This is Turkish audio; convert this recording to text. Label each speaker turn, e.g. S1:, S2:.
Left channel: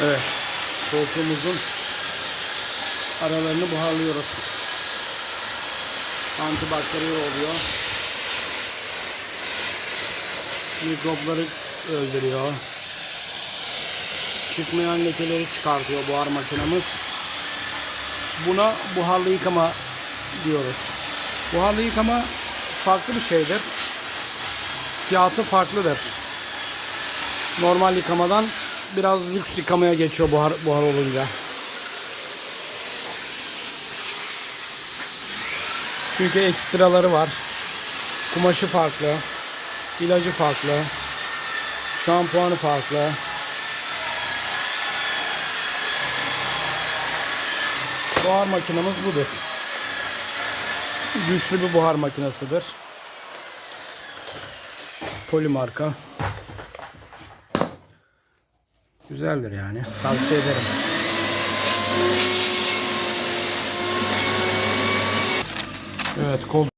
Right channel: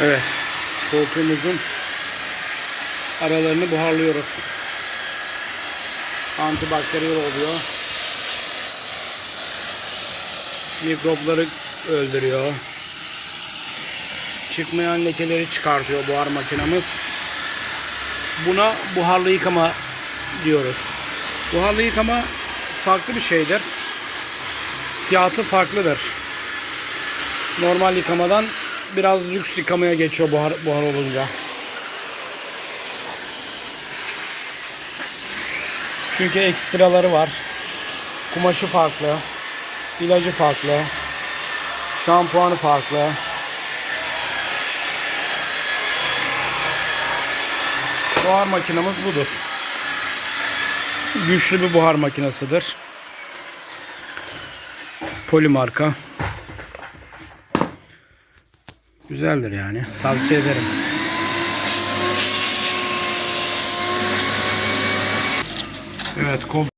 S1: Evet. Koltuğumuzun aralarını buharlıyoruz. Antibakteriyel oluyor. Mikropları öldürüyor. Çıkmayan lekeleri çıkartıyor buhar makinamız. Buna buharlı yıkama diyoruz. Buharlı yıkama farklı bir şeydir. Fiyatı farklıdır. Normal yıkamadan biraz lüks yıkamaya geçiyor buhar, buhar olunca. Çünkü ekstraları var. Kumaşı farklı. ilacı farklı. Şampuanı farklı. Buhar makinamız budur. Güçlü bir buhar makinasıdır. Poli marka. Güzeldir yani. Tavsiye ederim. Evet kol